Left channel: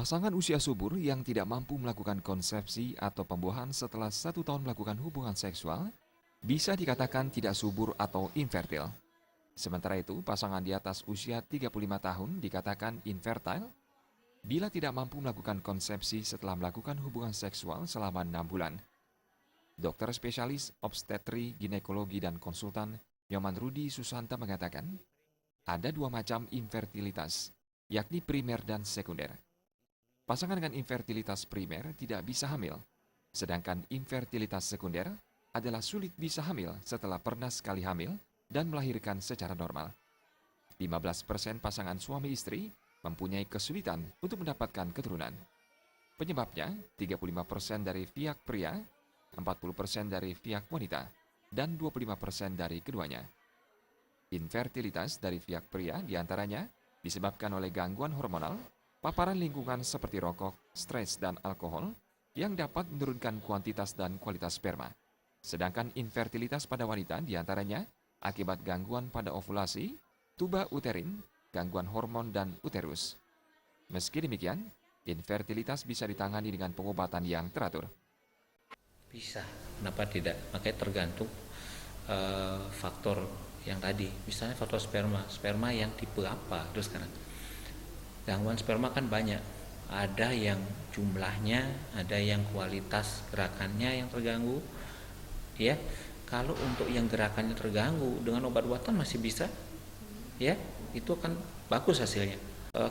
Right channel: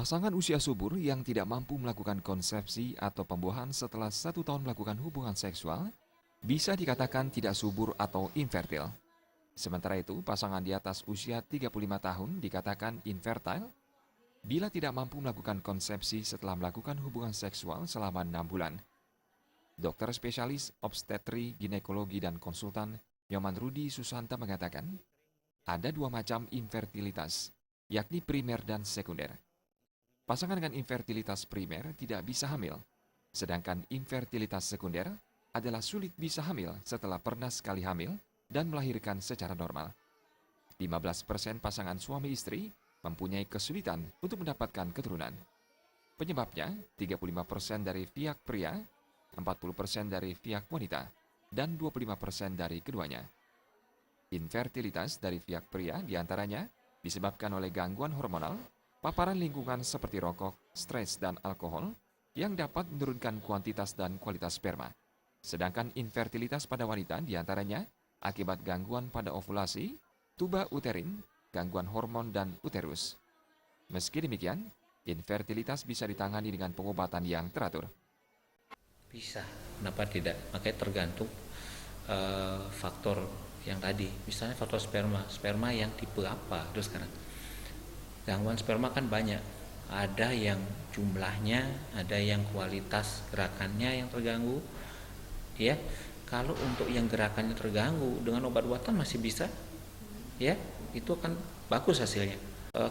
Pasangan usia subur yang tidak mampu melakukan konsepsi atau pembuahan setelah 1 tahun melakukan hubungan seksual bisa dikatakan tidak subur atau infertil. Sementara itu, pasangan di atas usia 35 tahun dikatakan infertile bila tidak mampu melakukan konsepsi setelah melakukan hubungan seksual selama 6 bulan. Dokter spesialis obstetri, ginekologi, dan konsultan Nyoman Rudi Susanta mengatakan, ada 2 macam infertilitas, yakni primer dan sekunder. Pasangan dengan infertilitas primer tidak bisa hamil, sedangkan infertilitas sekunder adalah sulit bisa hamil setelah pernah sekali hamil dan melahirkan secara normal. 15% pasangan suami istri mempunyai kesulitan untuk mendapatkan keturunan. Penyebabnya 35% dari pihak pria, 40% dari pihak wanita, dan 25% dari keduanya. Infertilitas dari pihak pria diantaranya disebabkan oleh gangguan hormonal, paparan lingkungan seperti rokok, stres, dan alkohol yang dapat menurunkan kuantitas dan kualitas sperma. Sedangkan infertilitas pada wanita diantaranya akibat gangguan pada ovulasi, tuba uterin, gangguan hormon, dan uterus. Meski demikian, infertilitas bisa ditangani dengan pengobatan yang teratur. Bisa, kenapa tidak? Makanya tergantung faktor yang tadi, misalnya faktor sperma yang tipe apa. Terus sekarang gangguan sperma kan banyak, ada yang jumlahnya, ada yang kualitas gerakannya yang terganggu, ya. Kalau untuk yang gerakannya terganggu dengan obat-obatan masih bisa, ya, itu akan bagus hasilnya.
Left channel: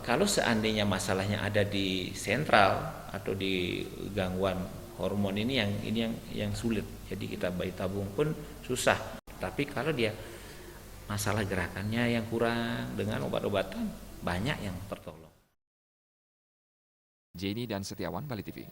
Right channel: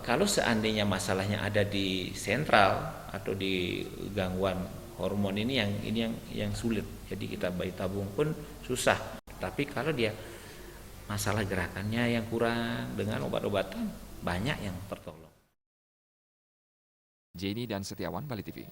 Kalau seandainya masalahnya ada di sentral atau di gangguan hormon ini yang sulit, jadi kita bayi tabung pun susah. Tapi kalau dia masalah gerakannya yang kurang, dengan obat-obatan banyak yang tertolong. Jenny dan Setiawan, Bali TV.